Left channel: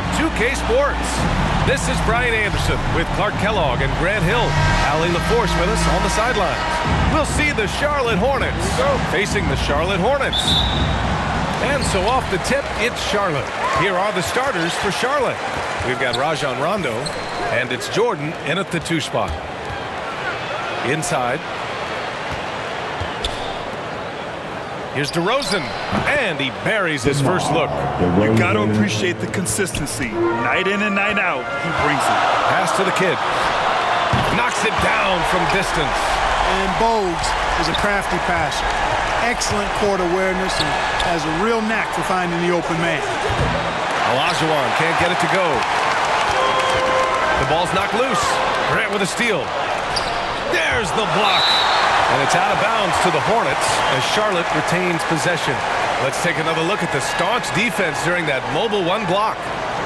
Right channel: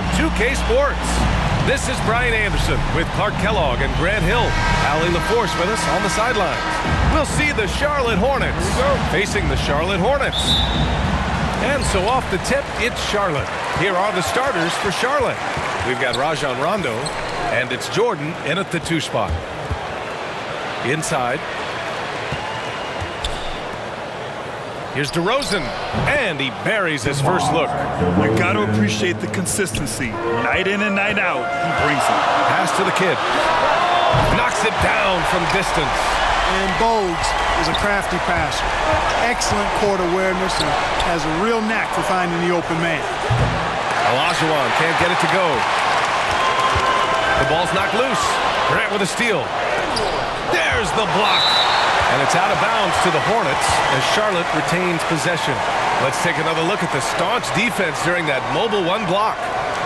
on 2K Sports. This is Brian Anderson with Clark Kellogg and Grant Hill. Allie LaForce with us on the sidelines. We'll see the Charlotte Hornets facing the Charlotte Hornets. And so off the tip, it's Charlotte. Here are the starters for Charlotte. We've got Rajon Rondo, and it's Jordan in at the 2 spot. Inside. Here's DeRozan, and he buries his first look. You got to appreciate the consistency. Night in and night out, he brings it. Pass to the kid. Knocks it down from distance. And Bogues is a crafty passer. Excellent court awareness and has a real knack for finding the open man. Olajuwon can't get it to go. The ball's knocked loose. Grant with a steal. There's the block. And it's out of bounds to the Hornets as Charlotte retains possession. Let's take another look at the staunch defense during that mobile 1 block.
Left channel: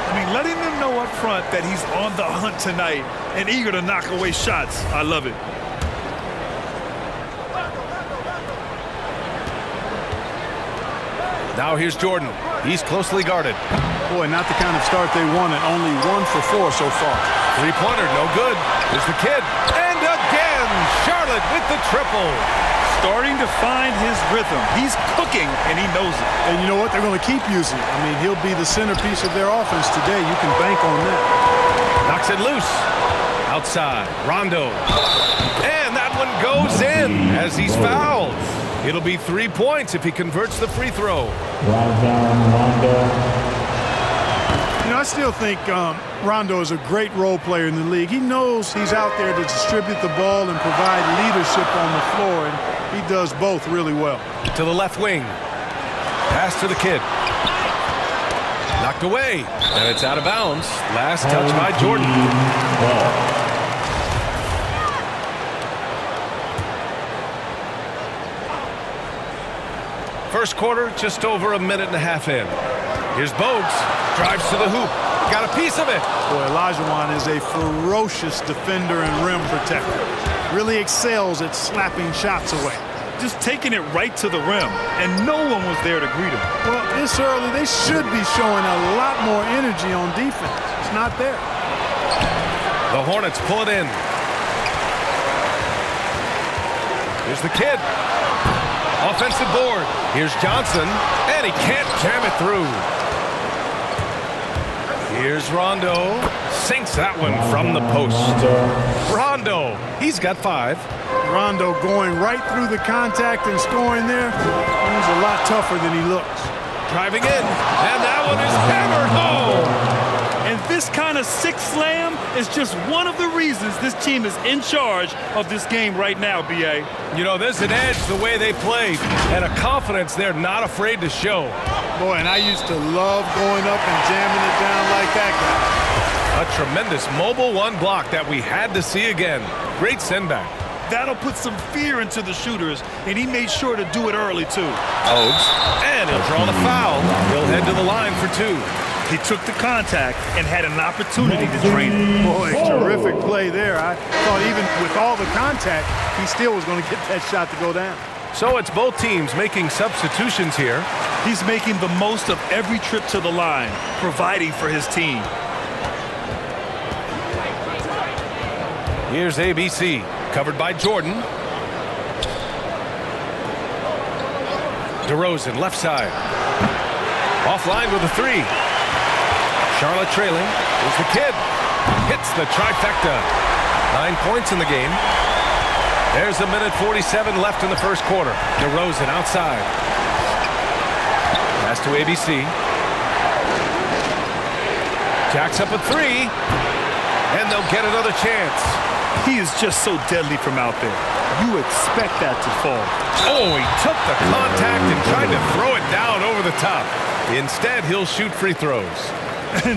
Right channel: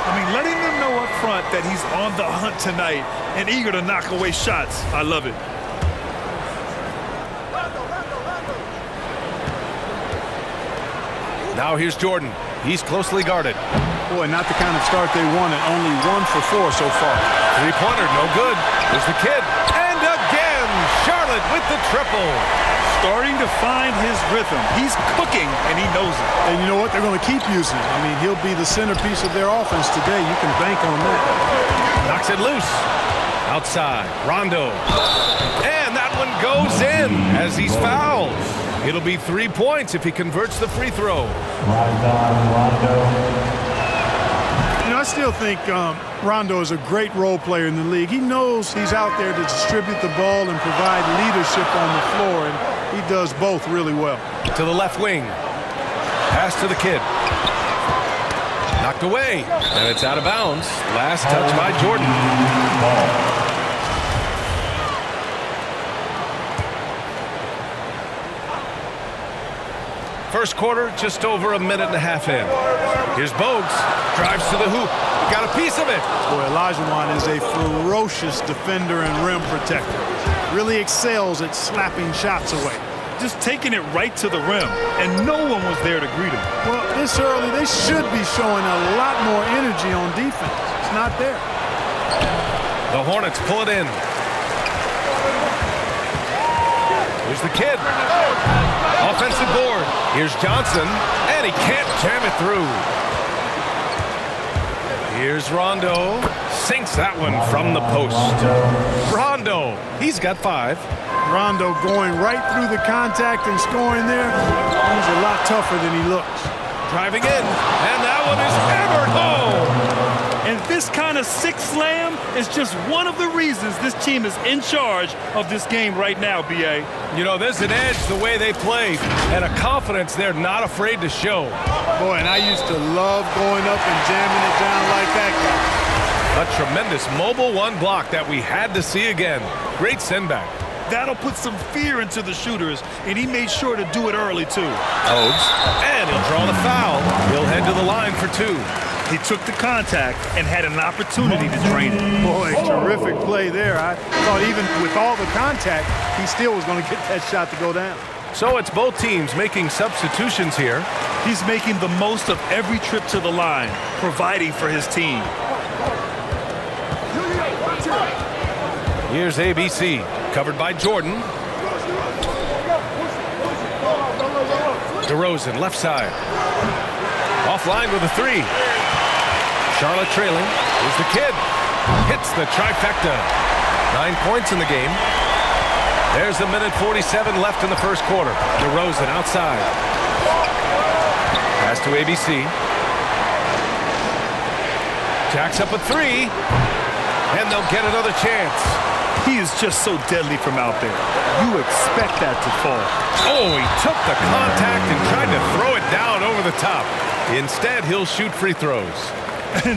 I mean, letting them know up front that he's on the hunt tonight and eager to knock away shots. I love it. Now here's Jordan. He's closely guarded. Boy, not the kind of start they wanted. Only 1 for 4 so far. Three-pointer, no good. There's the kid. And again, Charlotte with the triple. Starting to find his rhythm. He's cooking, and he knows it. And you know what? They're going to keep using him. I mean, he'll be the centerpiece of their offense today. You can bank on that. Knocks it loose. Outside, Rondo. And that one goes in as he's fouled. It'll be 3 points if he converts the free throw. Rondo. You know, I still think Rondo is a great role player in the league. He knows he's out there to distribute the ball and provide leadership on the floor, and he does both really well. To the left wing. Pass to the kid. Knocked away, and it's out of bounds. Last touch by Jordan. First quarter, just over a minute and a half in. Here's Bogues, drives to the hoop. He got a piece of it. Boy, Olajuwon is a ferocious defender and rim protector. Really excels at slapping shots away. Just taking it right to the rim, and no one was there to greet him. Well, this early, they should be showing a lot more energy on defense. It's not there. The Hornets pull it in. Here's the kid. Offensive board. Here's Johnson, and he can't jam it through. Here's Rondo. Sinks that one from the post. Rondo, he's got 5. Rondo going right through the contact and scoring there. He's a lot tougher than he looks. Driving in, and that one is hammered home. And this kind of sick slam is just one of the reasons this team is in charge of this game right now, B.A. You know, there's an edge the way they played and a confidence they're not afraid to show. Boy, and I used to love going up and jamming it down like that guy. A tremendous mobile 1 block that we had to see again. Great send back. That'll put some fear into the shooters, and he made sure to do it early, too. Bogues, and he'll draw the foul. He'll head to the line for 2. He took the contact and had an opportunity to drain it. Boy, terrific play there. I thought even with all the contact, he still was going to get that shot to go down. So it's both teams making substitutions here. He's making the most of every trip to the line, providing for his team. Here's ABC, covered by Jordan. DeRozan, left side. Offline with a 3. Charlotte trailing. Here's the kid. Hits the trifecta. 9 points in the game. There's a minute 47 left in the first quarter. DeRozan outside. Pass to ABC. Jacks up a 3. And they'll get another chance. He is just so deadly from out there. You expect that to fall. Oh, he took the contact and tried to throw it down over the top. Instead, he'll shoot free throws.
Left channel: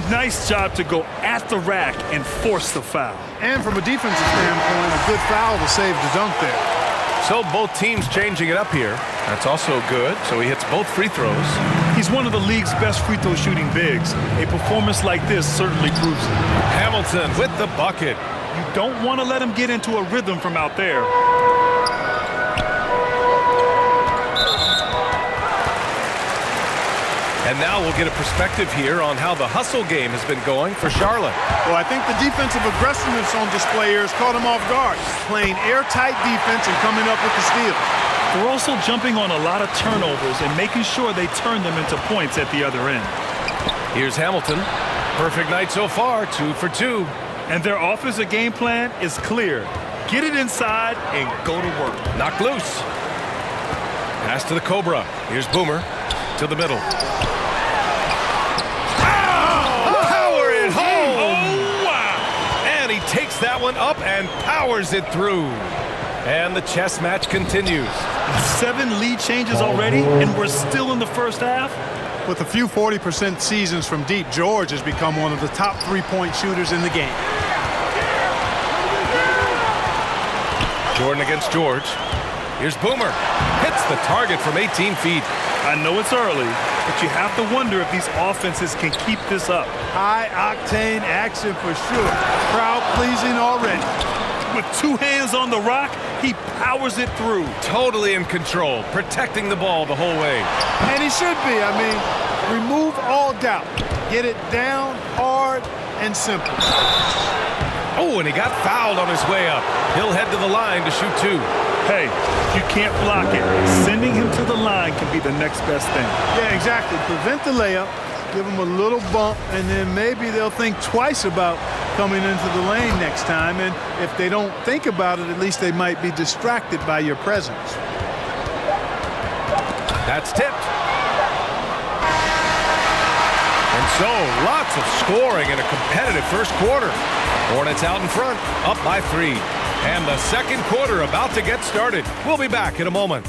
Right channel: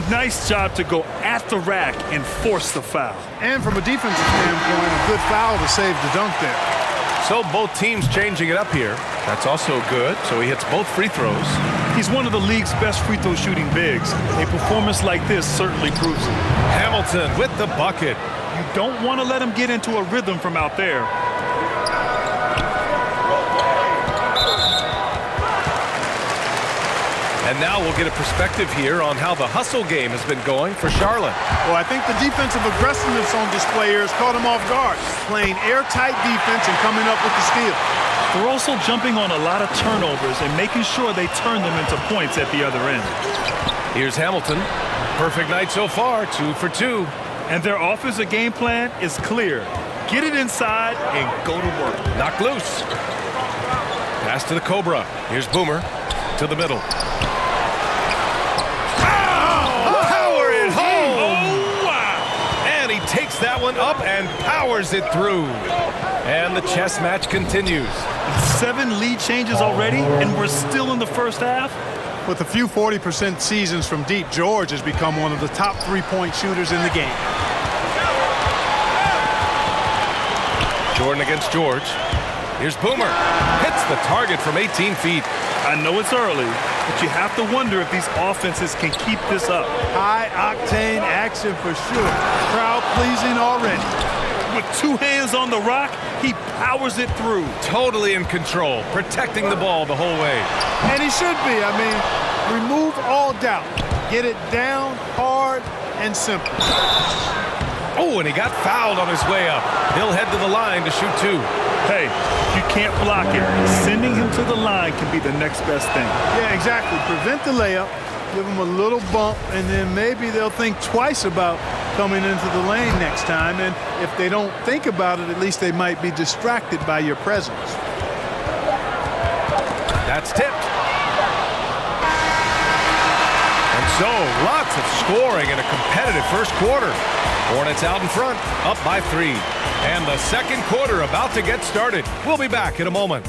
Nice job to go at the rack and force the foul. And from a defensive standpoint, a good foul to save the dunk there. So both teams changing it up here. That's also good. So he hits both free throws. He's one of the league's best free throw shooting bigs. A performance like this certainly proves it. Hamilton with the bucket. You don't want to let him get into a rhythm from out there. And now we'll get a perspective here on how the hustle game has been going for Charlotte. Well, I think the defensive aggressiveness on display here has caught them off guard, playing airtight defense and coming up with the steal. They're also jumping on a lot of turnovers and making sure they turn them into points at the other end. Here's Hamilton. Perfect night so far, 2 for 2. And their offensive game plan is clear. Get it inside and go to work. Knocked loose. Pass to the Cobra. Here's Boomer to the middle. Power it home! Oh, wow! And he takes that one up and powers it through. And the chess match continues. 7 lead changes already, and we're still in the first half. With a few 40% seasons from deep, George has become one of the top three-point shooters in the game. Jordan against George. Here's Boomer. Hits the target from 18 feet. I know it's early, but you have to wonder if these offenses can keep this up. High-octane action for sure. Crowd-pleasing already. With 2 hands on the rock, he powers it through. Totally in control, protecting the ball the whole way. And he should be. I mean, remove all doubt. Get it down, hard, and simple. Oh, and he got fouled on his way up. He'll head to the line to shoot 2. Hey, if you can't block it, sending him to the line can be the next best thing. Yeah, exactly. Prevent the layup, give him a little bump, and then maybe they'll think twice about coming into the lane next time. And if they don't think about it, at least they might be distracted by your presence. That's tipped. And so, lots of scoring in a competitive first quarter. Hornets out in front, up by 3. And the second quarter about to get started. We'll be back in a moment.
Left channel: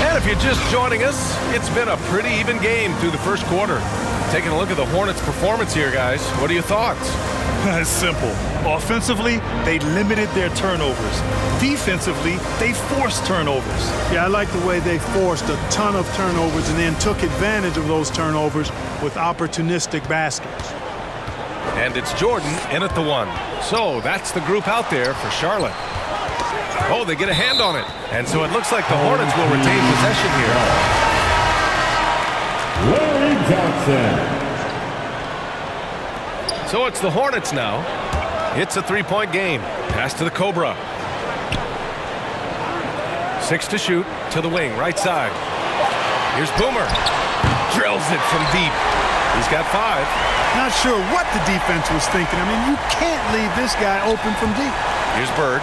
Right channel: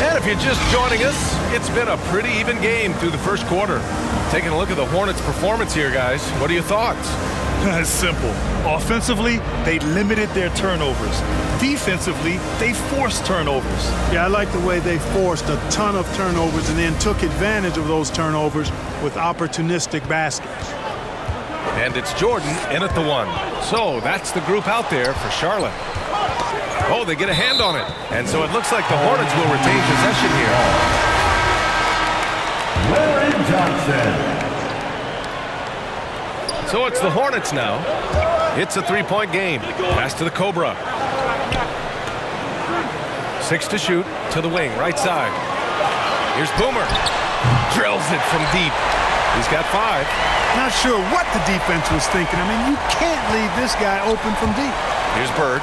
And if you're just joining us, it's been a pretty even game through the first quarter. Taking a look at the Hornets' performance here, guys. What are your thoughts? It's simple. Offensively, they limited their turnovers. Defensively, they forced turnovers. Yeah, I like the way they forced a ton of turnovers and then took advantage of those turnovers with opportunistic baskets. And it's Jordan in at the 1. So that's the group out there for Charlotte. Oh, they get a hand on it. And so it looks like the Hornets will retain possession here. Larry Johnson. So it's the Hornets now. It's a 3-point game. Pass to the Cobra. 6 to shoot to the wing, right side. Here's Boomer. Drills it from deep. He's got 5. Not sure what the defense was thinking. I mean, you can't leave this guy open from deep. Here's Bird.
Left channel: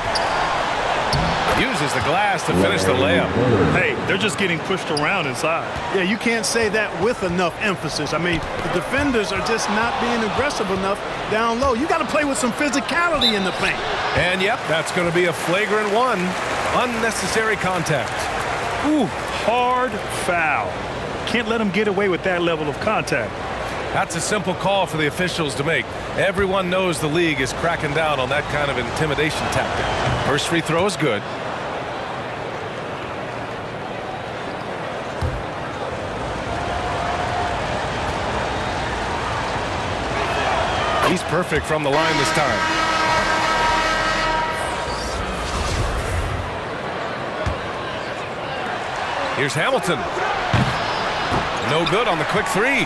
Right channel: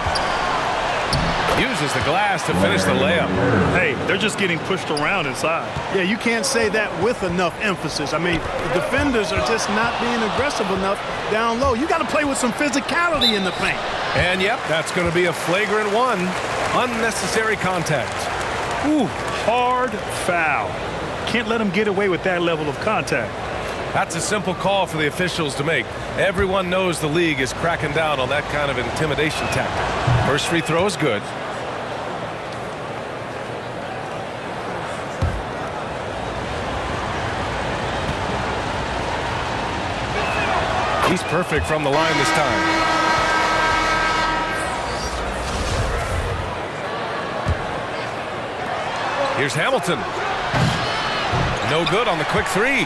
Uses the glass to finish the layup. Hey, they're just getting pushed around inside. Yeah, you can't say that with enough emphasis. I mean, the defenders are just not being aggressive enough down low. You got to play with some physicality in the paint. And yep, that's going to be a flagrant 1. Unnecessary contact. Ooh, hard foul. Can't let them get away with that level of contact. That's a simple call for the officials to make. Everyone knows the league is cracking down on that kind of intimidation tactic. First free throw is good. He's perfect from the line this time. Here's Hamilton. No good on the quick 3.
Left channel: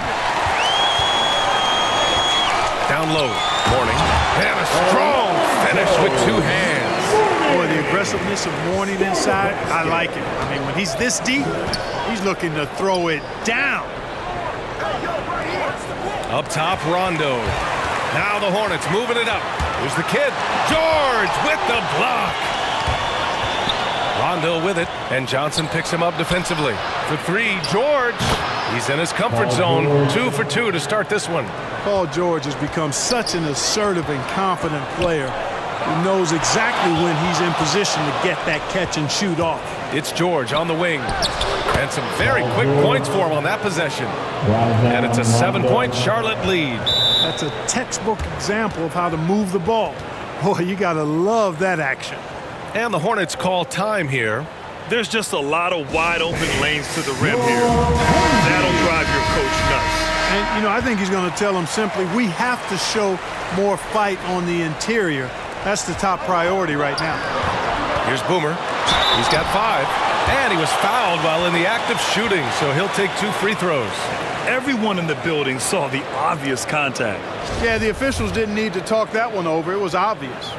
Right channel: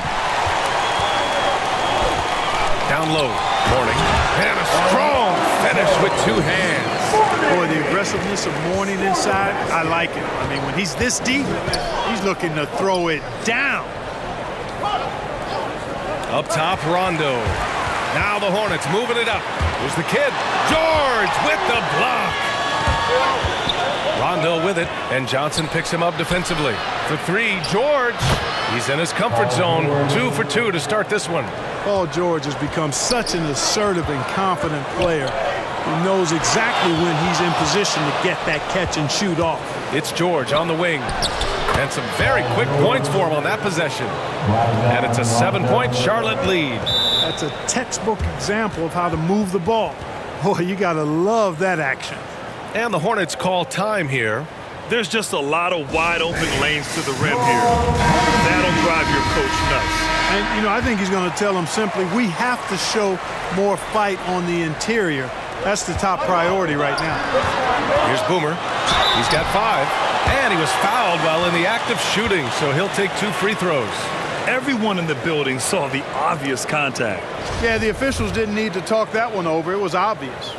Down low. Mourning. And a strong finish with 2 hands. Boy, the aggressiveness of Mourning inside, I like it. I mean, when he's this deep, he's looking to throw it down. Up top, Rondo. Now the Hornets moving it up. Here's the kid. George with the block. Rondo with it, and Johnson picks him up defensively. For 3, George. He's in his comfort zone. 2 for 2 to start this one. Paul George has become such an assertive and confident player who knows exactly when he's in position to get that catch and shoot off. It's George on the wing. And some very quick points for him on that possession. And it's a 7-point Charlotte lead. That's a textbook example of how to move the ball. Boy, you got to love that action. And the Hornets call time here. There's just a lot of wide open lanes to the rim here. That'll drive your coach nuts. And, you know, I think he's going to tell them simply, we have to show more fight on the interior. That's the top priority right now. Here's Boomer. He's got 5. And he was fouled while in the act of shooting, so he'll take 2 free throws. Everyone in the building saw the obvious contact. Yeah, the officials didn't need to talk that one over. It was obvious.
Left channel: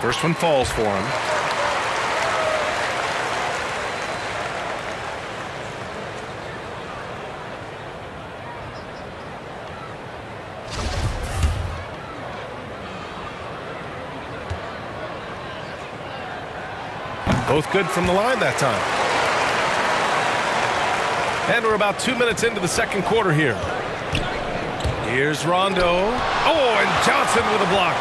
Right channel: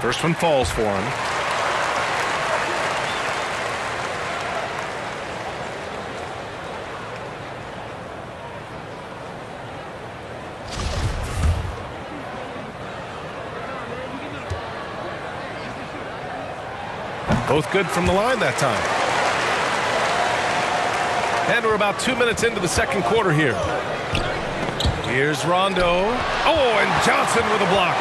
First one falls for him. Both good from the line that time. And we're about 2 minutes into the second quarter here. Here's Rondo. Oh, and Johnson with a block.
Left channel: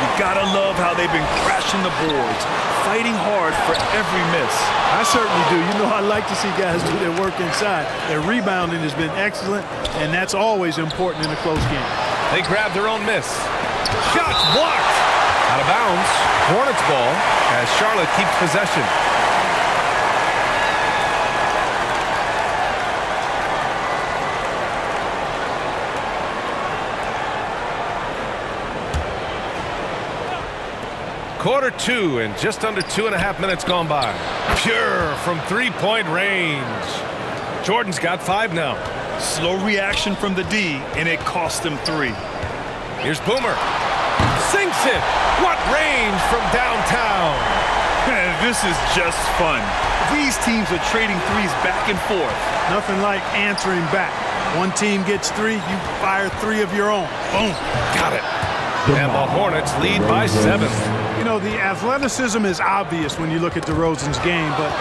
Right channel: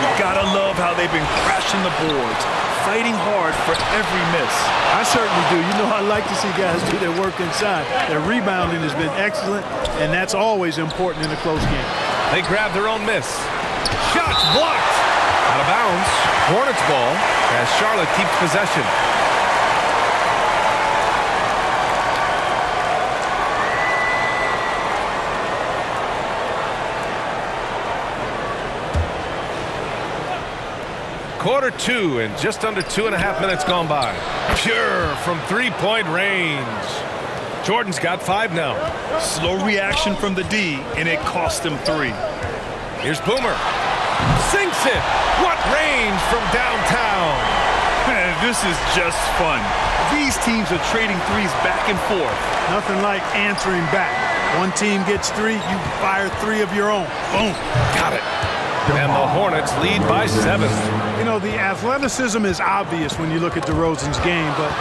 You gotta love how they've been crashing the boards, fighting hard for every miss. I certainly do. You know, I like to see guys do their work inside. Their rebounding has been excellent, and that's always important in a close game. They grab their own miss. Shots blocked. Out of bounds. Hornets ball as Charlotte keeps possession. Quarter 2 and just under 2.5 minutes gone by. Pure from three-point range. Jordan's got 5 now. Slow reaction from the D, and it cost him 3. Here's Boomer. Sinks it. What range from downtown. Man, this is just fun. These teams are trading threes back and forth. Nothing like answering back. One team gets 3, you fire 3 of your own. Boom. Got it. And the Hornets lead by 7. You know, the athleticism is obvious when you look at DeRozan's game, but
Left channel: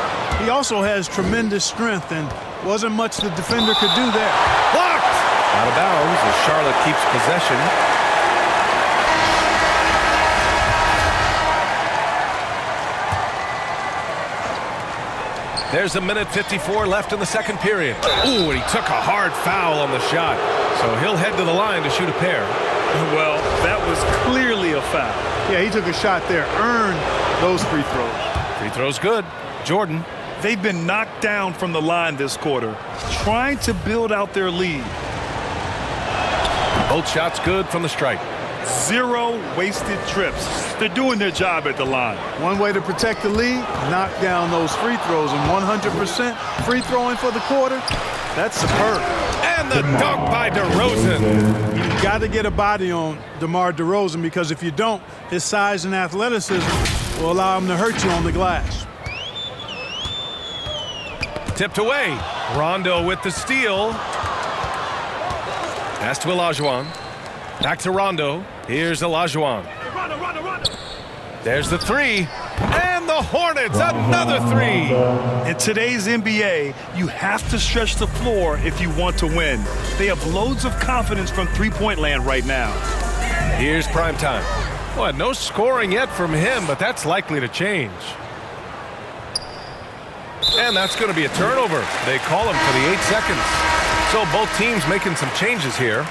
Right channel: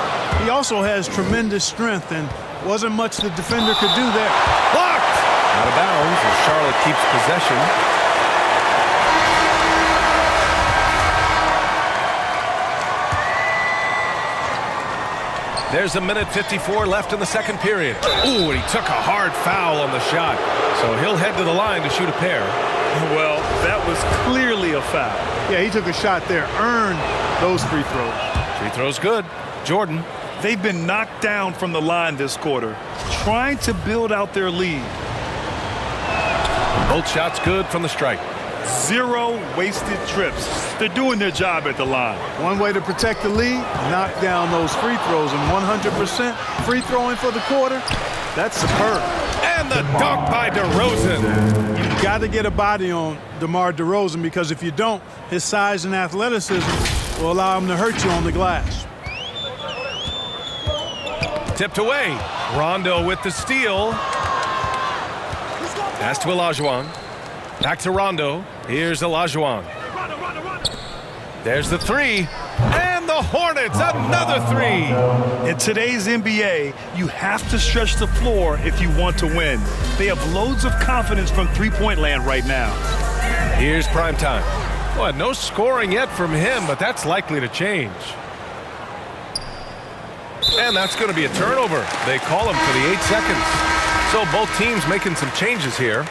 he also has tremendous strength, and wasn't much the defender could do there. Blocked. Out of bounds as Charlotte keeps possession. There's a minute 54 left in the second period. Ooh, and he took a hard foul on the shot. So he'll head to the line to shoot a pair. Well, that was clearly a foul. Yeah, he took a shot there, earned those free throws. Free throw's good. Jordan. They've been knocked down from the line this quarter, trying to build out their lead. Both shots good from the stripe. 0 wasted trips. They're doing their job at the line. One way to protect the lead, knock down those free throws, and 100% free throwing for the quarter, that's superb. And the dunk by DeRozan. You've got to get a body on DeMar DeRozan, because if you don't, his size and athleticism will allow him to hurt you on the glass. Tipped away. Rondo with the steal. Pass to Olajuwon. Back to Rondo. Here's Olajuwon. There's the 3. And the Hornets, another 3. In today's NBA, you have to stretch the floor if you want to win. They have loads of confidence from three-point land right now. Here's primetime. Boy, no scoring yet from him, but that's likely to change. And that's going to be a turnover. They call him for the 8 seconds. So both teams making some changes here.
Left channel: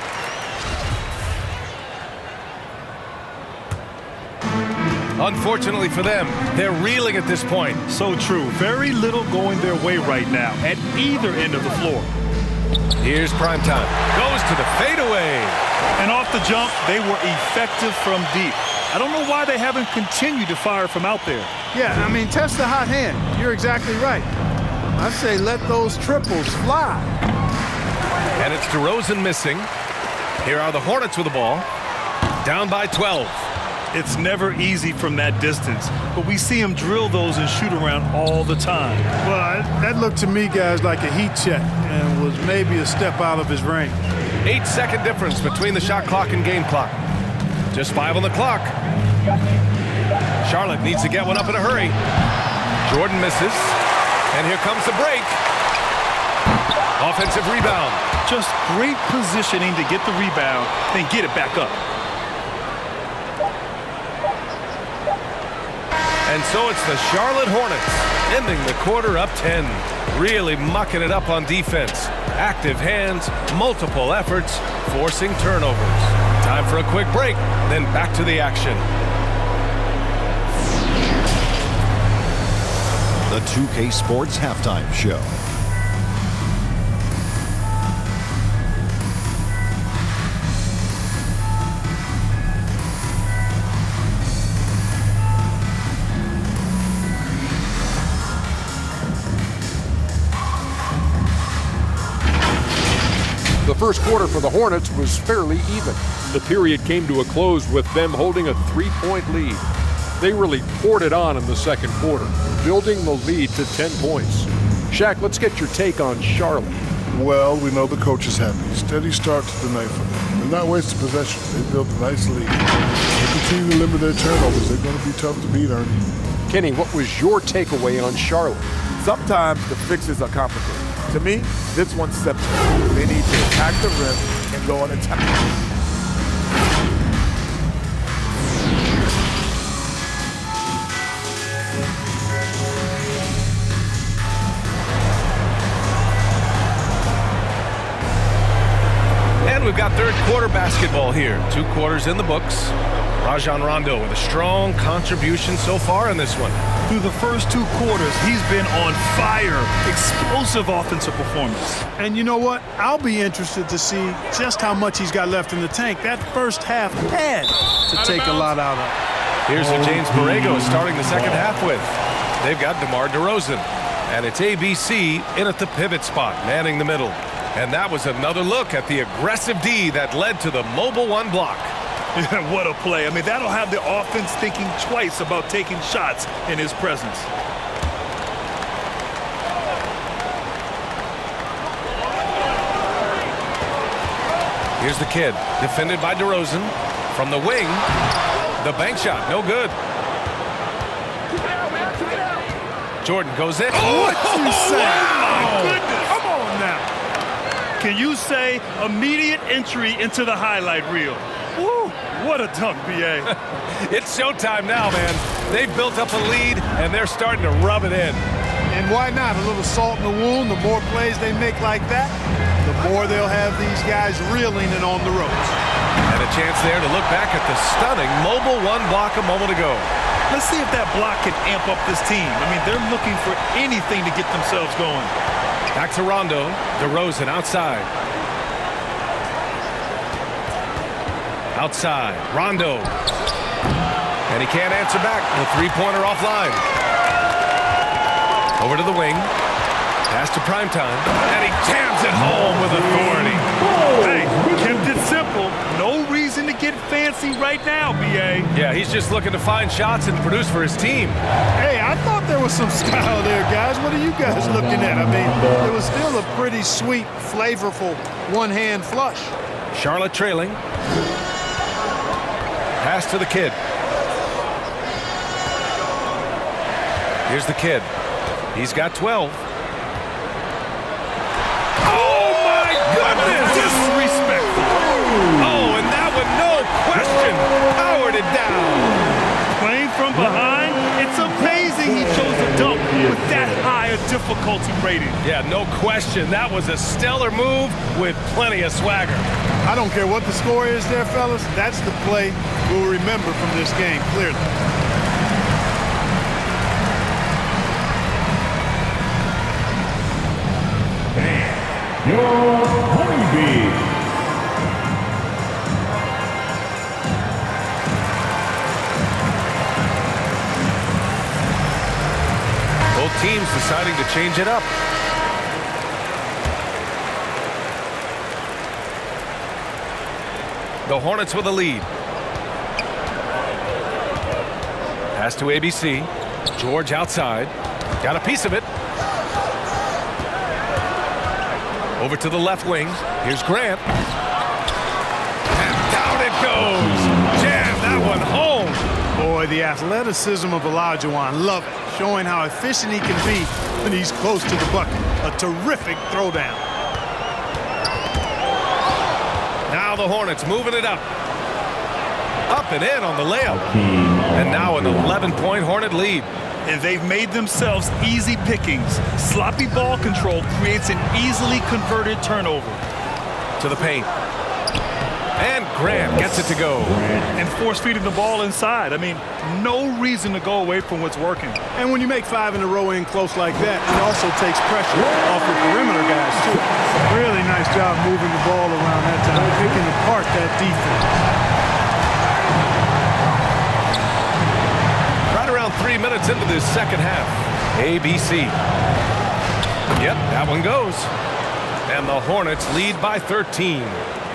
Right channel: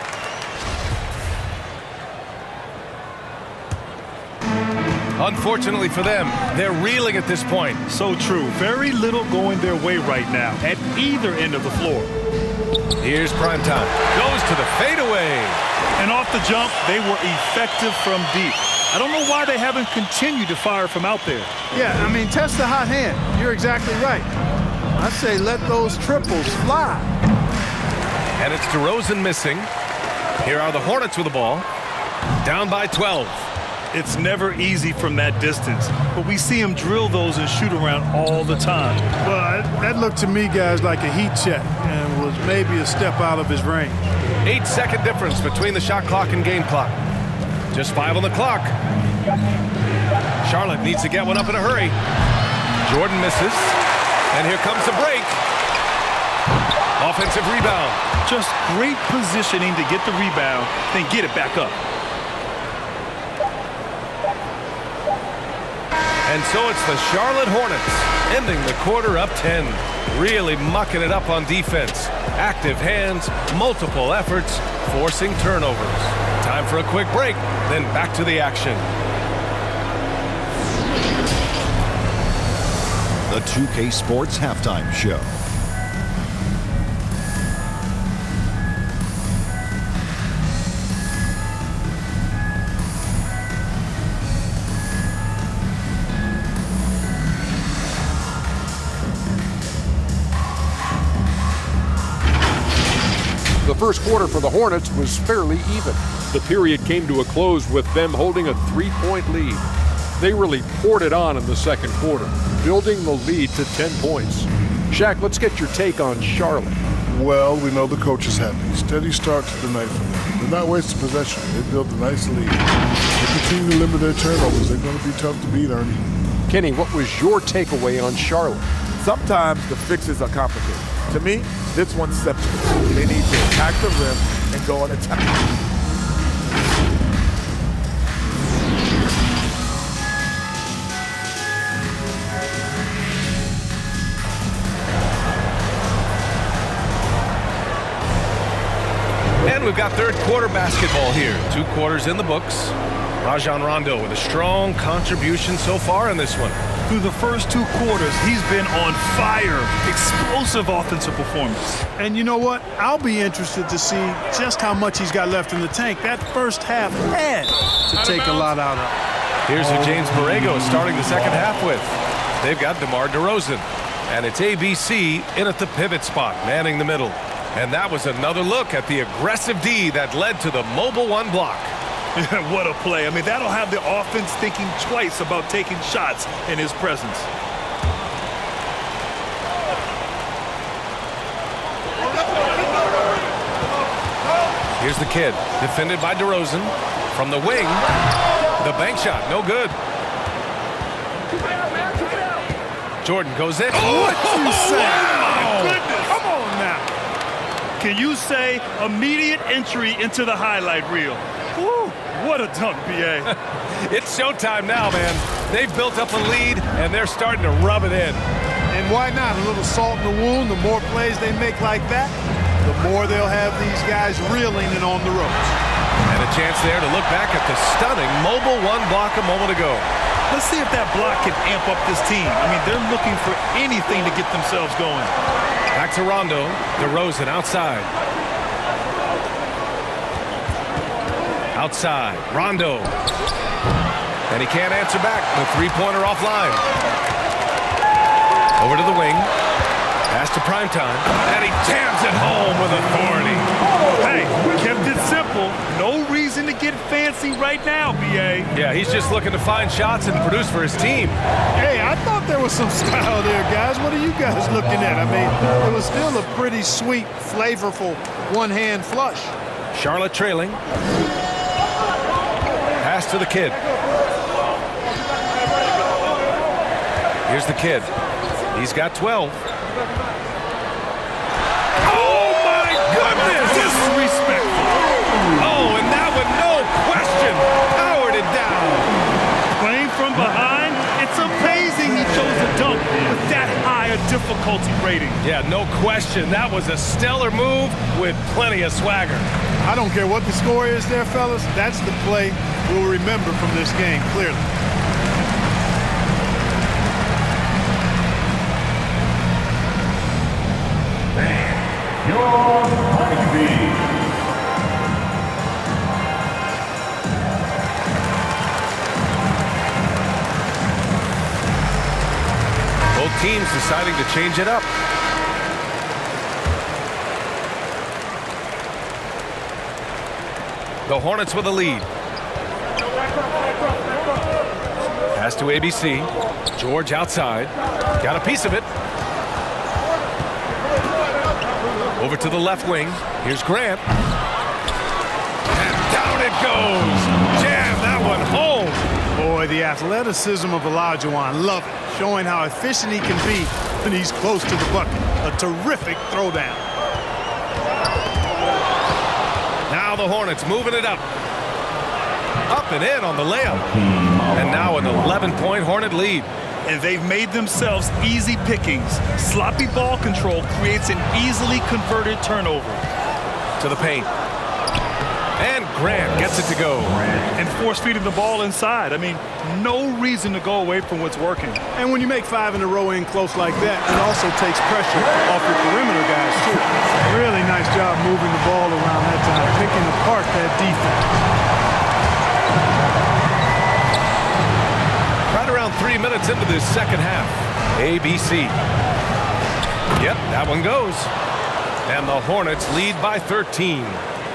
Unfortunately for them, they're reeling at this point. So true. Very little going their way right now at either end of the floor. Here's primetime. Goes to the fadeaway. And off the jump, they were effective from deep. I don't know why they haven't continued to fire from out there. Yeah, I mean, test the hot hand. You're exactly right. I say let those triples fly. And it's DeRozan missing. Here are the Hornets with the ball. Down by 12. It's never easy from that distance, but we see him drill those and shoot around all the time. Well, that looked to me, guys, like a heat check and was maybe a step out of his range. 8-second difference between the shot clock and game clock. Just 5 on the clock. Charlotte needs to get one up in a hurry. Jordan misses. And here comes the break. Offensive rebound. Just great positioning to get the rebound, then get it back up. And so it's the Charlotte Hornets ending the quarter up 10. Really mucking it up on defense. Active hands, multiple efforts, forcing turnovers. Time for a quick break, then back to the action. the 2K Sports Halftime Show. The first quarter for the Hornets was fairly even. The period came to a close with them holding a 3-point lead. They really poured it on in the second quarter, building the lead to 10 points. Shaq, let's get your take on Charlotte. Well, we know the coach is happy. Steady start to the night for them. They're not wasting possession. They built a nice lead. They continue to limit their turnovers. They're going to be tough to beat, Ernie. Kenny, what was your takeaway on Charlotte? Sometimes the fixes are complicated. To me, this one's simple. They need to attack the rim and go on attack. And we've got third quarter basketball here. 2 quarters in the books. Rajon Rondo with a strong contribution so far in this one. Through the first 2 quarters, he's been on fire. Explosive offensive performance. And you know what? I'll be interested to see just how much he's got left in the tank. That first half had to take a lot out of. Here's who James Borrego is starting the second half with. They've got DeMar DeRozan. And it's ABC in at the pivot spot, manning the middle. And that was another look at the aggressive D that led to the mobile 1 block. What a play. I mean, that'll have the offense thinking twice about taking shots in his presence. Here's the kid, defended by DeRozan. From the wing, the bank shot, no good. Jordan goes in. What you say? Oh, my goodness. Come on now. Can you say immediate entry into the highlight reel? Woo, what a dunk, B.A. It's showtime now, man. They've built up a lead, and they're starting to rub it in. And why not? A little salt in the wound. The more plays they make like that, the more they'll have these guys reeling and on the ropes. And a chance there to look back at the stunning mobile 1 block a moment ago. Let's see if that block can amp up this team. I mean, they're looking for anything to get themselves going. Back to Rondo. DeRozan outside. Outside. Rondo. And he can't answer back. The 3-pointer offline. Over to the wing. Pass to Primetime. And he jams it home with authority. Hey, kept it simple. No reason to get fancy right now, B.A. Yeah, he's just looking to find shots and produce for his team. Hey, I thought there was some style there, guys. What are you guys looking at? I mean, it was still a pretty sweet, flavorful one-hand flush. Charlotte trailing. Pass to the kid. Here's the kid. He's got 12. Oh, my goodness! Disrespectful. Oh, and that one, no question, powered it down. Playing from behind, it's amazing he chose to dunk with that high a difficulty rating. Yeah, no question. That was a stellar move with plenty of swagger. I don't care what the score is there, fellas. That's the play we'll remember from this game, clearly. Your Honeybee. Both teams deciding to change it up. The Hornets with a lead. Pass to ABC. George outside. Got a piece of it. Over to the left wing. Here's Grant. And down it goes. Jam that one home. Boy, the athleticism of Olajuwon, love it. Showing how efficient he can be when he's close to the bucket. A terrific throwdown. Now the Hornets moving it up. Up and in on the layup. And now an 11-point Hornet lead. And they've made themselves easy pickings. Sloppy ball control creates an easily converted turnover. To the paint. And Grant gets it to go. And force feeding the ball inside. I mean, no reason to go away from what's working. And when you make 5 in a row in close like that, it also takes pressure off your perimeter guys, too. Really nice job moving the ball around that time, picking apart that defense. Right around 3 minutes into this second half. ABC. Yep, that one goes. And the Hornets lead by 13.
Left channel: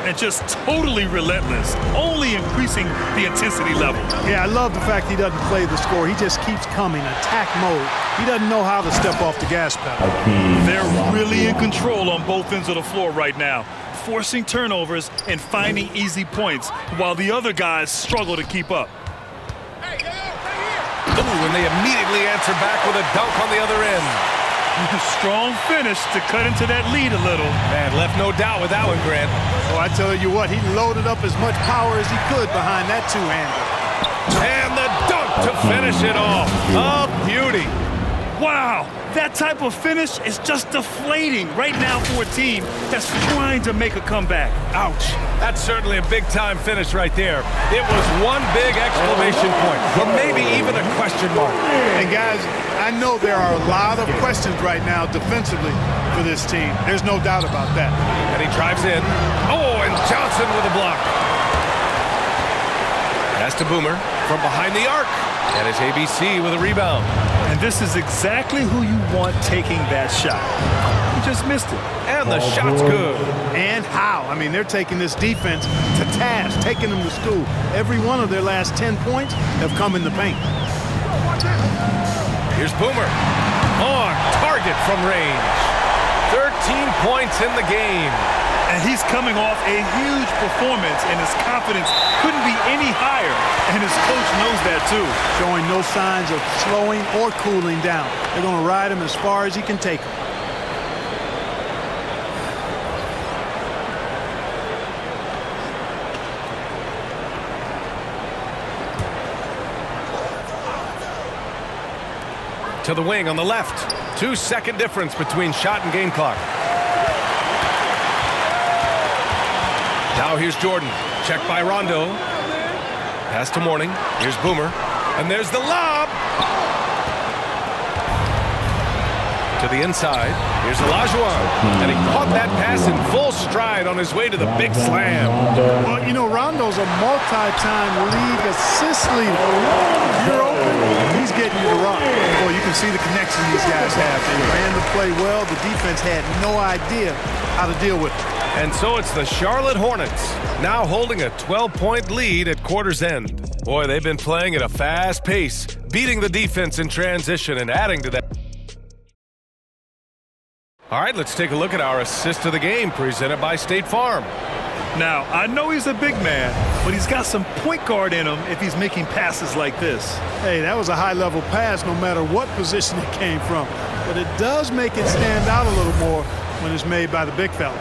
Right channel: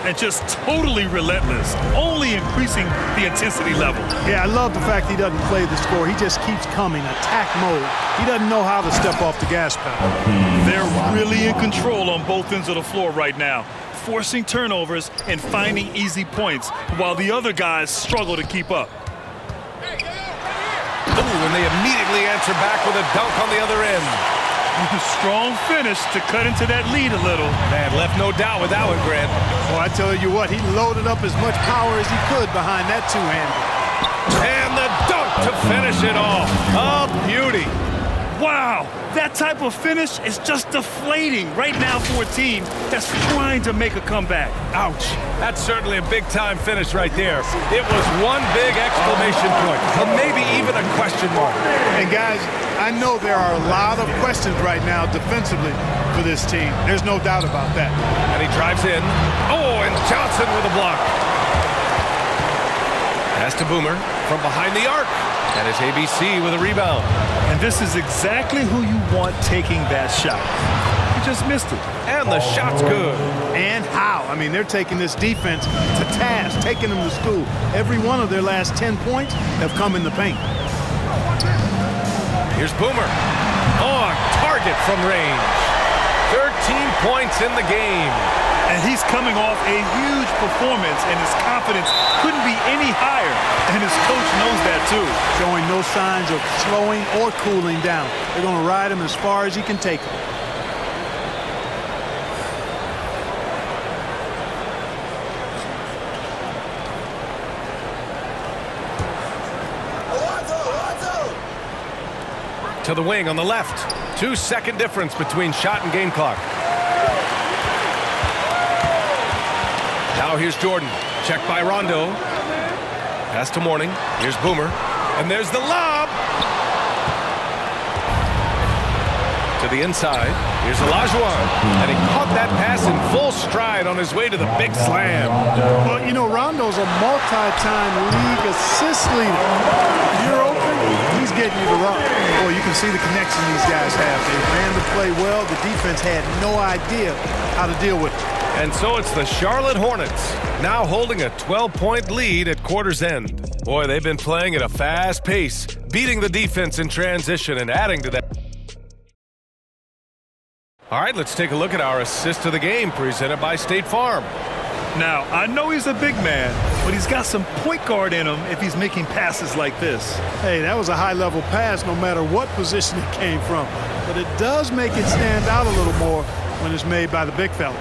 And just totally relentless, only increasing the intensity level. Yeah, I love the fact he doesn't play the score. He just keeps coming, attack mode. He doesn't know how to step off the gas pedal. They're really in control on both ends of the floor right now, forcing turnovers and finding easy points while the other guys struggle to keep up. Ooh, and they immediately answer back with a dunk on the other end. Strong finish to cut into that lead a little. Man, left no doubt with that one, Grant. Well, I tell you what, he loaded up as much power as he could behind that two-hander. And the dunk to finish it off. A beauty. Wow, that type of finish is just deflating right now for a team that's trying to make a comeback. Ouch. That's certainly a big-time finish right there. It was one big exclamation point, or maybe even a question mark. And guys, I know there are a lot of questions right now defensively for this team. There's no doubt about that. And he drives in. Oh, and Johnson with a block. Pass to Boomer from behind the arc. And it's ABC with a rebound. And this is exactly who you want taking that shot. He just missed it. And the shot's good. And how? I mean, they're taking this defense to task, taking them to school. Every one of their last 10 points have come in the paint. Here's Boomer. On target from range. 13 points in the game. And he's coming off a huge performance, and his confidence couldn't be any higher. And his coach knows that, too. Showing no signs of slowing or cooling down. They're going to ride him as far as he can take him. To the wing on the left. 2-second difference between shot and game clock. Now here's Jordan. Checked by Rondo. Pass to Mourning. Here's Boomer. And there's the lob. To the inside. Here's Olajuwon. And he caught that pass in full stride on his way to the big slam. Well, you know, Rondo's a multi-time league assist leader. If you're open, he's getting you to run. Boy, you can see the connection these guys have. They ran the play well. The defense had no idea how to deal with it. And so it's the Charlotte Hornets, now holding a 12-point lead at quarter's end. Boy, they've been playing at a fast pace, beating the defense in transition and adding to that. All right, let's take a look at our assist of the game presented by State Farm. Now, I know he's a big man, but he's got some point guard in him if he's making passes like this. Hey, that was a high-level pass no matter what position it came from. But it does make it stand out a little more when it's made by the big fella.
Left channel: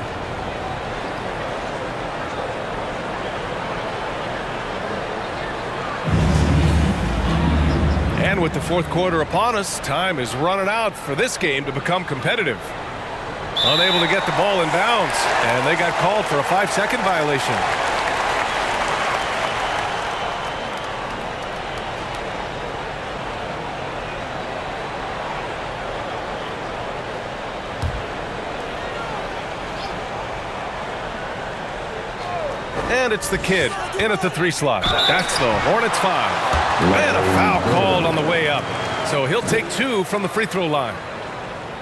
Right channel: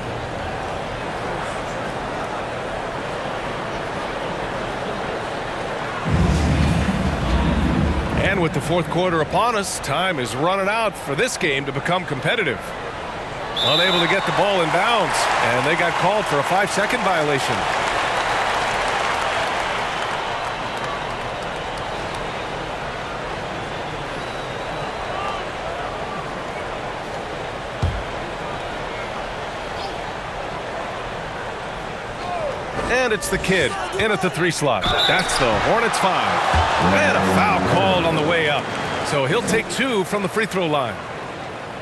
And with the fourth quarter upon us, time is running out for this game to become competitive. Unable to get the ball in bounds, and they got called for a 5-second violation. And it's the kid in at the 3 slot. That's the Hornets 5. And a foul called on the way up. So he'll take 2 from the free throw line.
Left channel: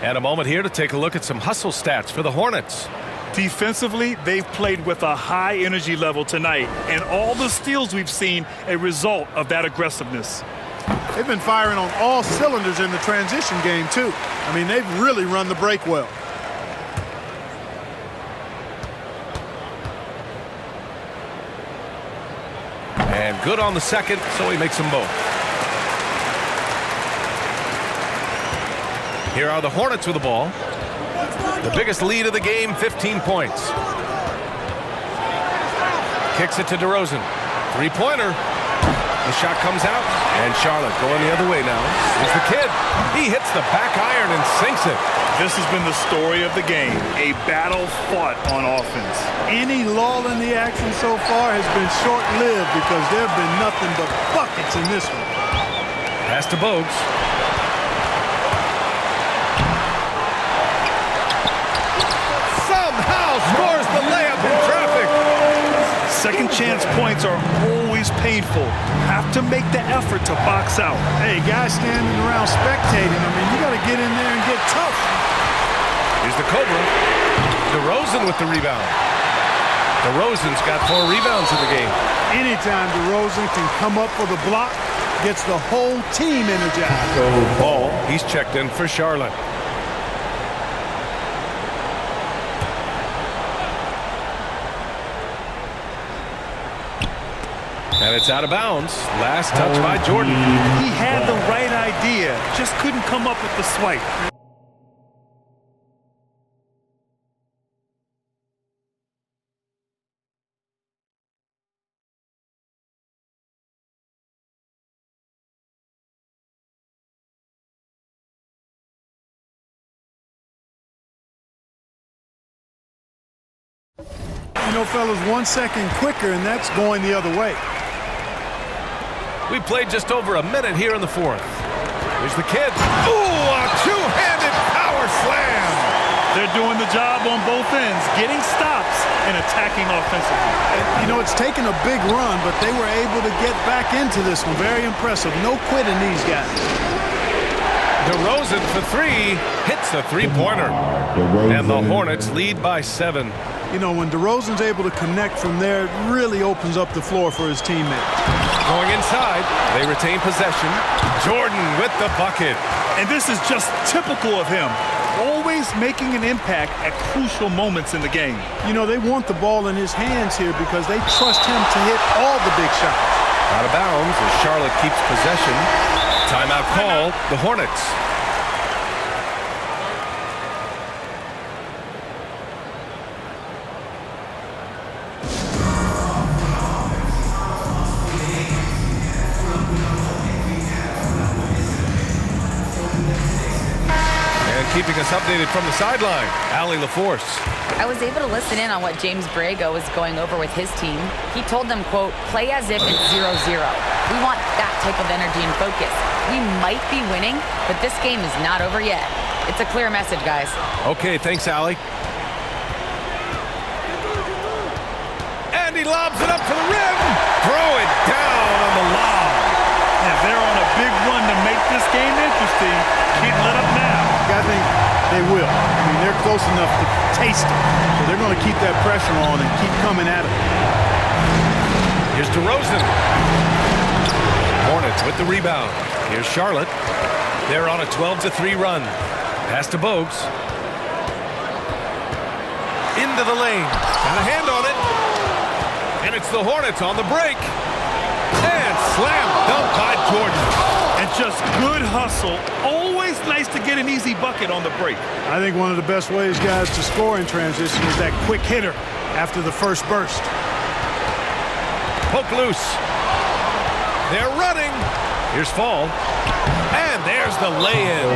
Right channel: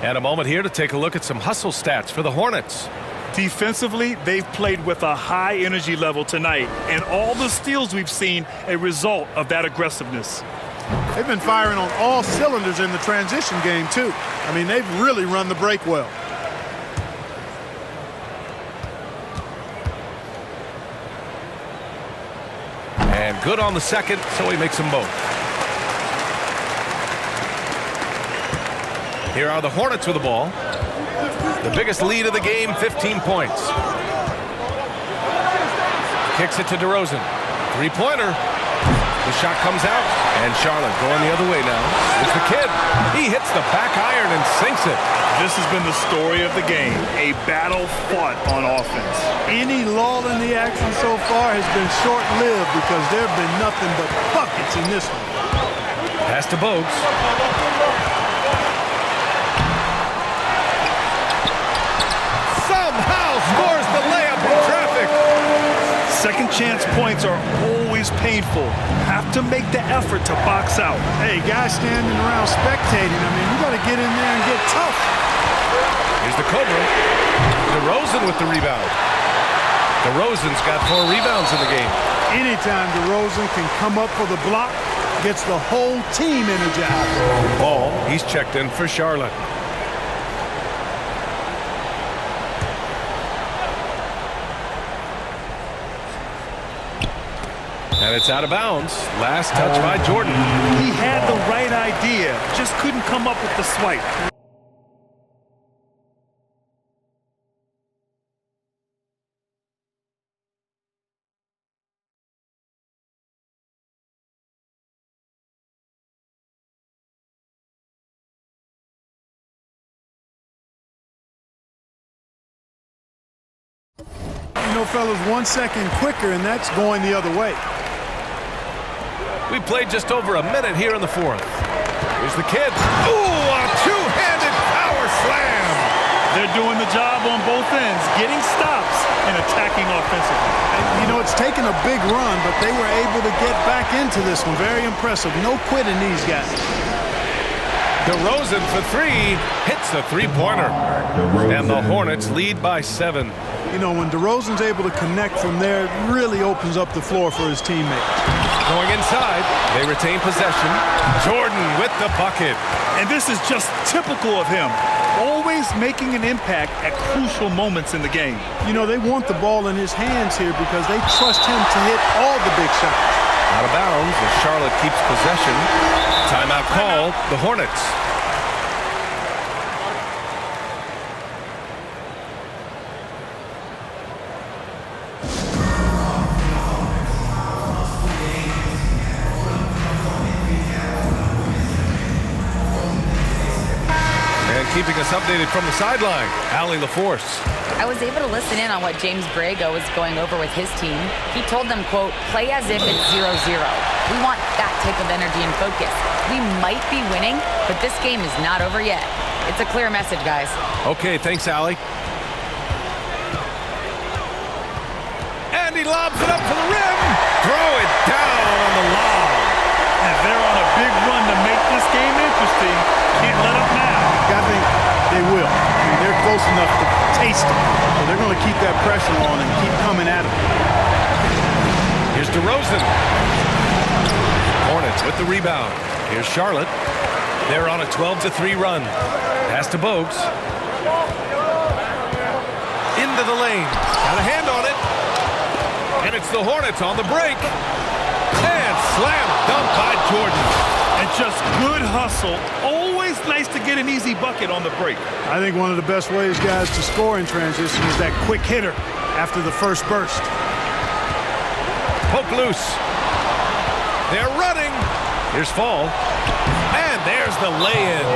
And a moment here to take a look at some hustle stats for the Hornets. Defensively, they've played with a high energy level tonight, and all the steals we've seen a result of that aggressiveness. They've been firing on all cylinders in the transition game, too. I mean, they've really run the break well. And good on the second, so he makes them both. Here are the Hornets with the ball. The biggest lead of the game, 15 points. Kicks it to DeRozan. Three-pointer. The shot comes out, and Charlotte going the other way now. Here's the kid. He hits the back iron and sinks it. This has been the story of the game, a battle fought on offense. Any lull in the action so far has been short-lived because there have been nothing but buckets in this one. Pass to Bogues. Somehow scores the layup in traffic. Second chance points are always painful. Have to make the effort to box out. Hey, guys standing around spectating, I mean, you got to get in there and get tough. Here's the Cobra. DeRozan with the rebound. DeRozan's got 4 rebounds in the game. Anytime DeRozan can come up for the block, gets the whole team energized. Ball, he's checked in for Charlotte. And it's out of bounds. Last touch by Jordan. He had the right idea, just couldn't come up with the swipe. You know, fellas, 1 second quicker, and that's going the other way. We played just over a minute here in the fourth. Here's the kid. Ooh, a two-handed power slam. They're doing the job on both ends, getting stops and attacking offensively. And, you know, it's taken a big run, but they were able to get back into this one. Very impressive. No quitting these guys. DeRozan for 3 hits a three-pointer. And the Hornets lead by 7. You know, when DeRozan's able to connect from there, it really opens up the floor for his teammates. Going inside, they retain possession. Jordan with the bucket. And this is just typical of him. Always making an impact at crucial moments in the game. You know, they want the ball in his hands here because they trust him to hit all the big shots. Out of bounds as Charlotte keeps possession. Timeout call, the Hornets. Keeping us updated from the sideline, Allie LaForce. I was able to listen in on what James Borrego was going over with his team. He told them, quote, play as if it's 0-0. We want that type of energy and focus. We might be winning, but this game is not over yet. It's a clear message, guys. Okay, thanks, Allie. And he lobs it up to the rim. Throw it down on the lob. And they're on a big run to make this game interesting. Can't let up now. I think they will. I mean, they're close enough to taste it. So they're going to keep that pressure on and keep coming at it. Here's DeRozan. Hornets with the rebound. Here's Charlotte. They're on a 12-3 run. Pass to Bogues. Into the lane. Got a hand on it. And it's the Hornets on the break. And slam dunk by Jordan. And just good hustle. Always nice to get an easy bucket on the break. I think one of the best ways, guys, to score in transition is that quick hitter after the first burst. Poke loose. They're running. Here's Fall. And there's the lay-in.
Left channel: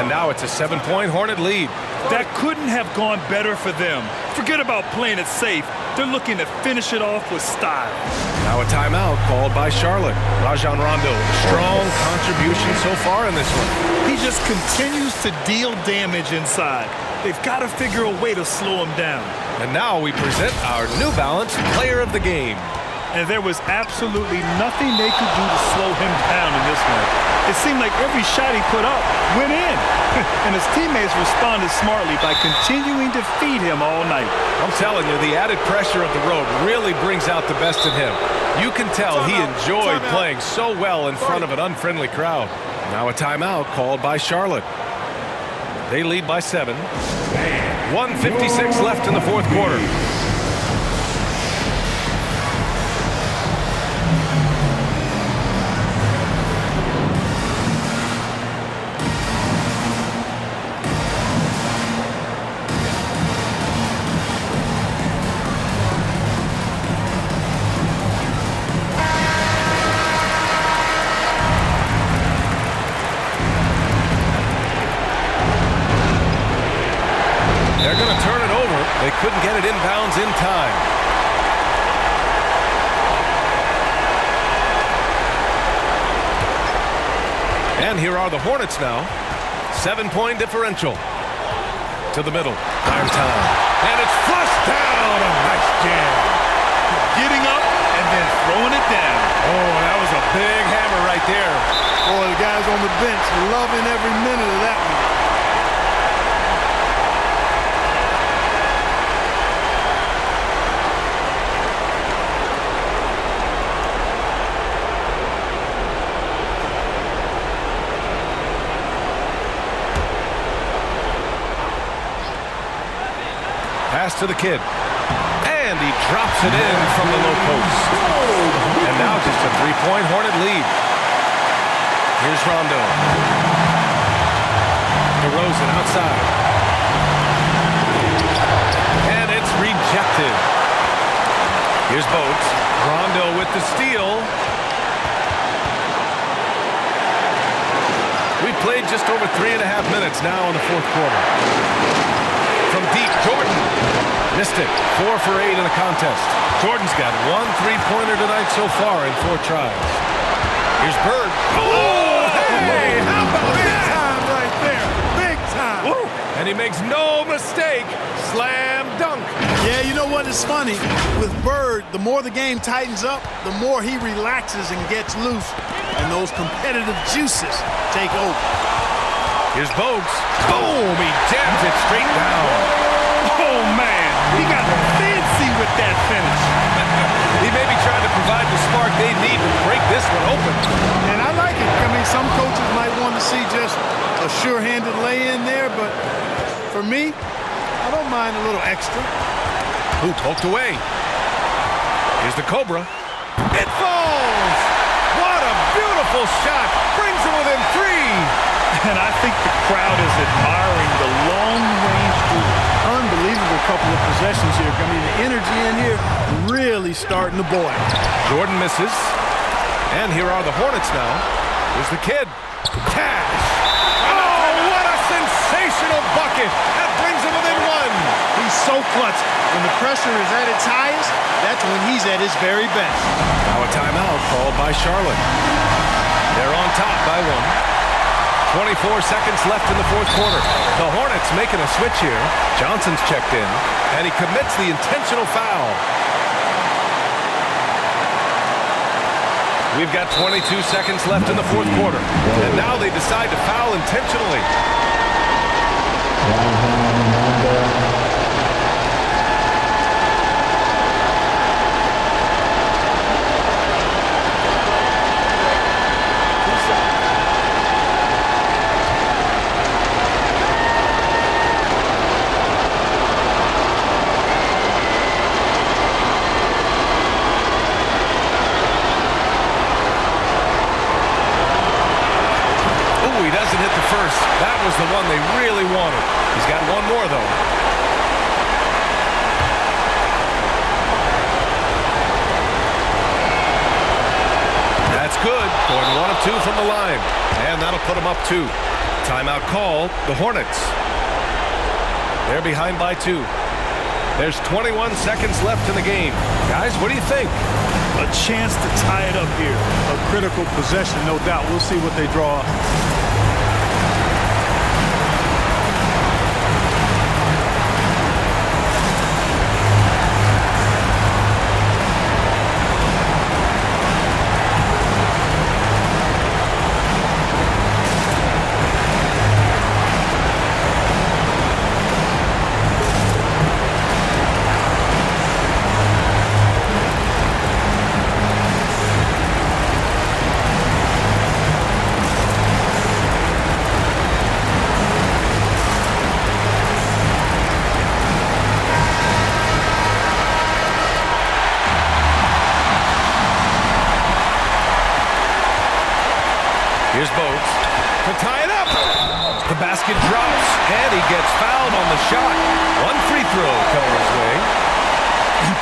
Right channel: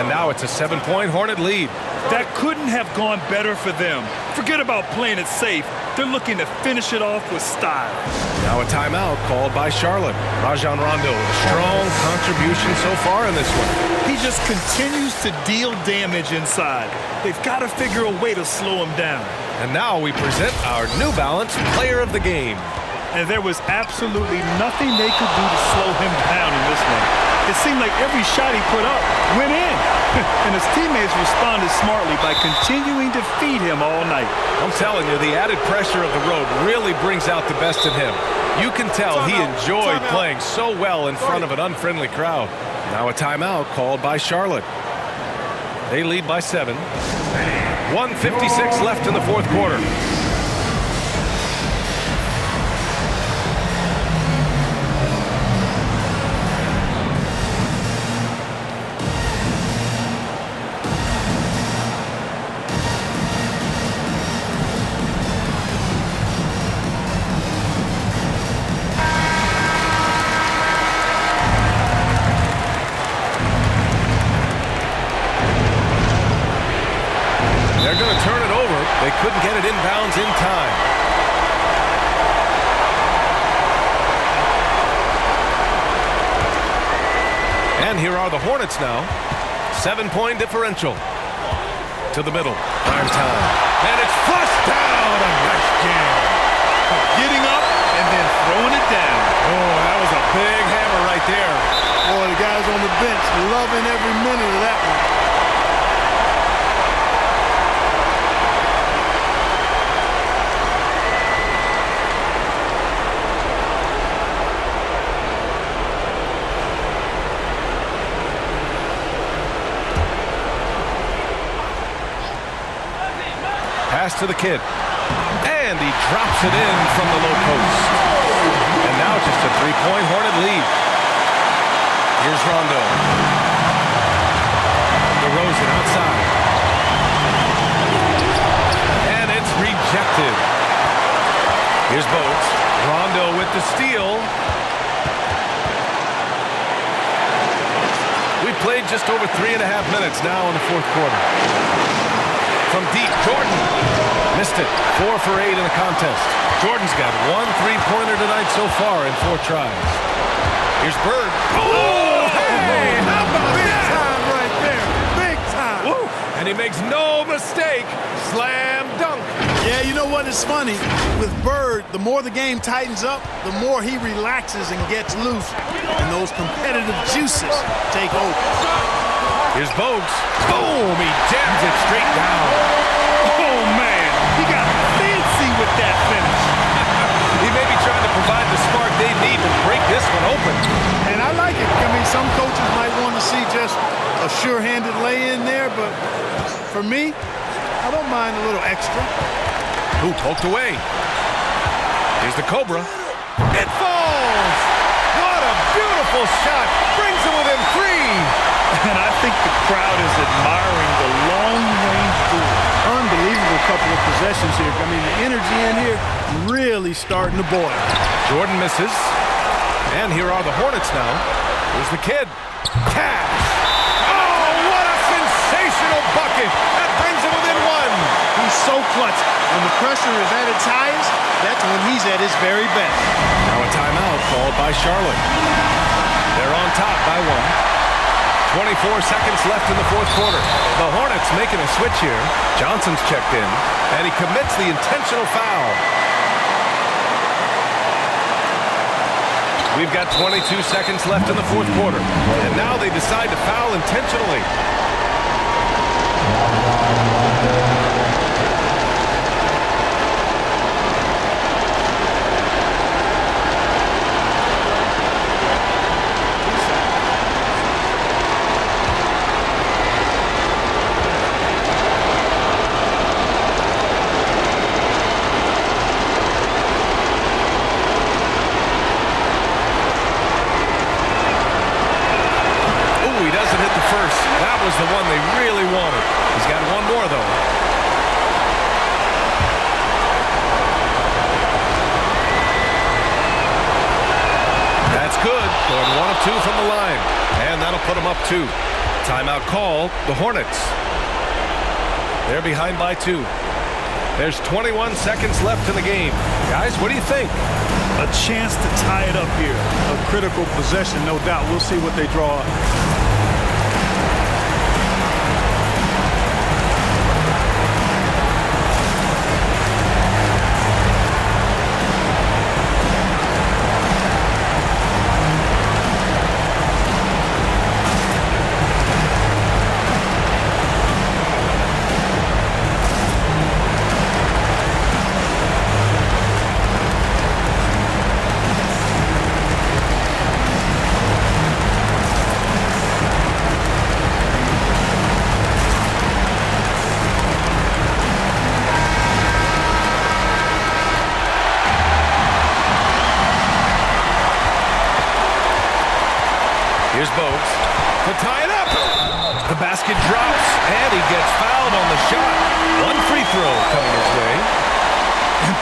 And now it's a 7-point Hornet lead. That couldn't have gone better for them. Forget about playing it safe. They're looking to finish it off with style. Now a timeout called by Charlotte. Rajon Rondo with a strong contribution so far in this one. He just continues to deal damage inside. They've got to figure a way to slow him down. And now we present our New Balance Player of the Game. And there was absolutely nothing they could do to slow him down in this one. It seemed like every shot he put up went in. And his teammates responded smartly by continuing to feed him all night. I'm telling you, the added pressure of the road really brings out the best in him. You can tell he enjoyed playing so well in front of an unfriendly crowd. Now a timeout called by Charlotte. They lead by 7. 1:56 left in the fourth quarter. They're going to turn it over. They couldn't get it inbounds in time. And here are the Hornets now. 7-point differential. To the middle. Prime time. And it's flushed down. A nice jam. Getting up and then throwing it down. Oh, that was a big hammer right there. Boy, the guys on the bench loving every minute of that one. Pass to the kid. And he drops it in from the low post. And now just a 3-point Hornet lead. Here's Rondo. DeRozan outside. And it's rejected. Here's Bogues. Rondo with the steal. We played just over 3.5 minutes now in the fourth quarter. From deep, Jordan missed it. 4 for 8 in the contest. Jordan's got 1 3-pointer tonight so far in 4 tries. Here's Bird. Oh, hey, how about big that? Time right there. Big time. Woo. And he makes no mistake. Slam dunk. Yeah, you know what is funny? With Bird, the more the game tightens up, the more he relaxes and gets loose. And those competitive juices take over. Here's Bogues. Boom! He jams it straight down. Oh, man. He got fancy with that finish. He may be trying to provide the spark they need to break this one open. And I like it. I mean, some coaches might want to see just a sure-handed lay-in there, but for me, I don't mind a little extra. Ooh, poked away. Here's the Cobra. It falls! What a beautiful shot. Brings him within 3. And I think the crowd is admiring the long-range duel. Unbelievable couple of possessions here. I mean, the energy in here really starting to boil. Jordan misses. And here are the Hornets now. Here's the kid. Cash. Oh, what a sensational bucket. That brings him within 1. He's so clutch. When the pressure is at its highest, that's when he's at his very best. Now a timeout called by Charlotte. They're on top by 1. 24 seconds left in the fourth quarter. The Hornets making a switch here. Johnson's checked in, and he commits the intentional foul. We've got 22 seconds left in the fourth quarter, and now they decide to foul intentionally. He doesn't hit the first. That was the one they really wanted. He's got one more, though. That's good. Going 1 of 2 from the line. And that'll put him up 2. Timeout call, the Hornets. They're behind by 2. There's 21 seconds left in the game. Guys, what do you think? A chance to tie it up here. A critical possession, no doubt. We'll see what they draw up. Here's Bogues to tie it up. The basket drops, and he gets fouled on the shot. 1 free throw coming his way.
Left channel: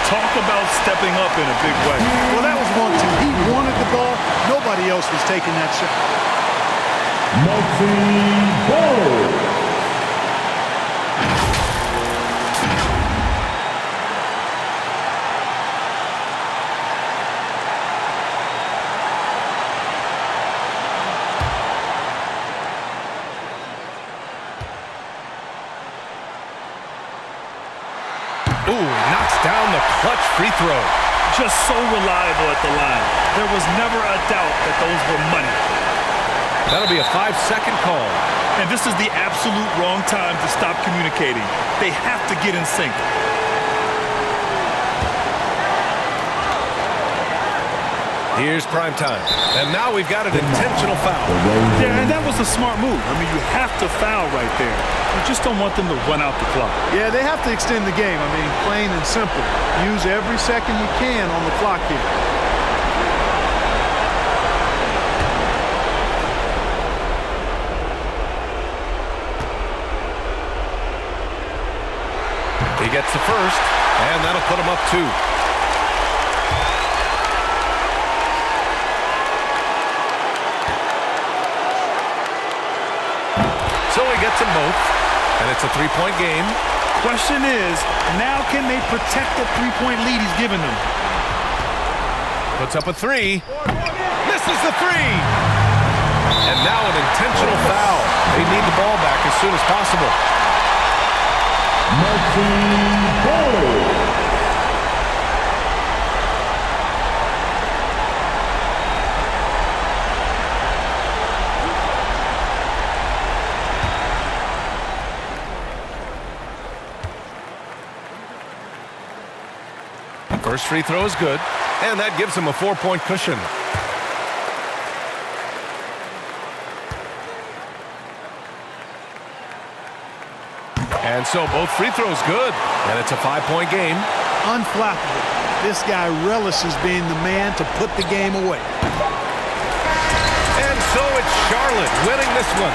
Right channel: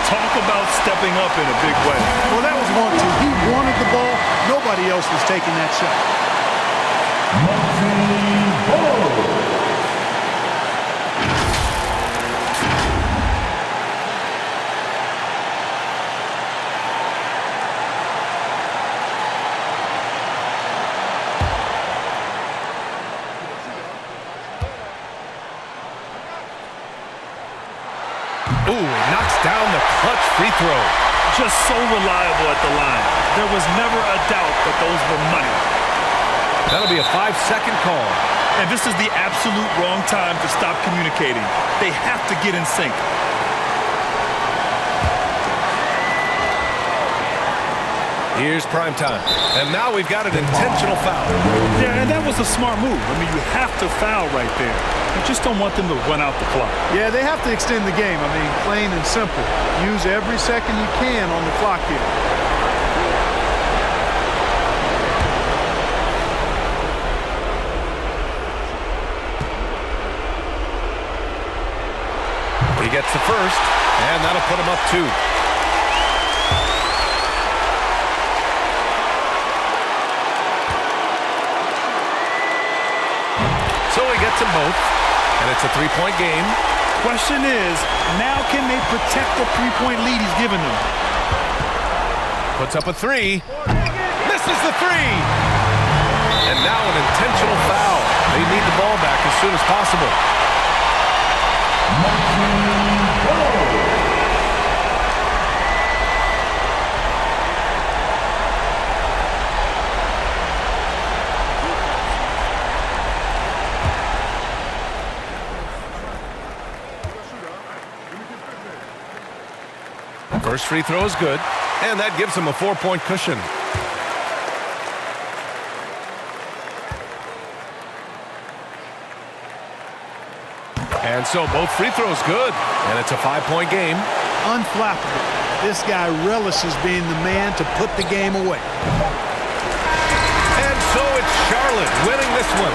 Talk about stepping up in a big way. Well, that was 1-2. He wanted the ball. Nobody else was taking that shot. Ooh, he knocks down the clutch free throw. Just so reliable at the line. There was never a doubt that those were money. That'll be a 5-second call. And this is the absolute wrong time to stop communicating. They have to get in sync. Here's prime time. And now we've got an intentional foul. Yeah, and that was a smart move. I mean, you have to foul right there. You just don't want them to run out the clock. Yeah, they have to extend the game. I mean, plain and simple. Use every second you can on the clock here. He gets the first, and that'll put him up 2. So he gets them both, and it's a 3-point game. Question is, now can they protect the 3-point lead he's given them? Puts up a 3. Misses the 3. And now an intentional foul. They need the ball back as soon as possible. First free throw is good, and that gives him a 4-point cushion. And so both free throws good, and it's a 5-point game. Unflappable. This guy relishes being the man to put the game away. And so it's Charlotte winning this one.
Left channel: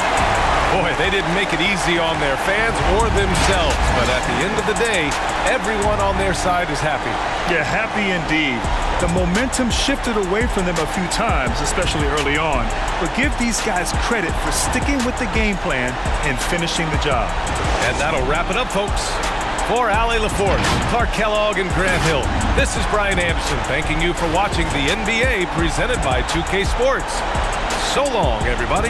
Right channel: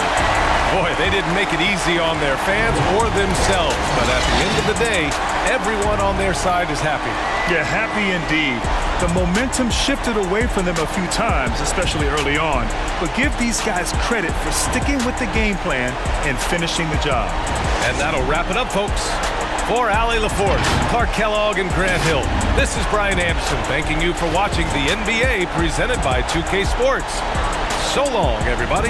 Boy, they didn't make it easy on their fans or themselves, but at the end of the day, everyone on their side is happy. Yeah, happy indeed. The momentum shifted away from them a few times, especially early on. But give these guys credit for sticking with the game plan and finishing the job. And that'll wrap it up, folks. For Allie LaForce, Clark Kellogg, and Grant Hill, this is Brian Anderson thanking you for watching the NBA presented by 2K Sports. So long, everybody.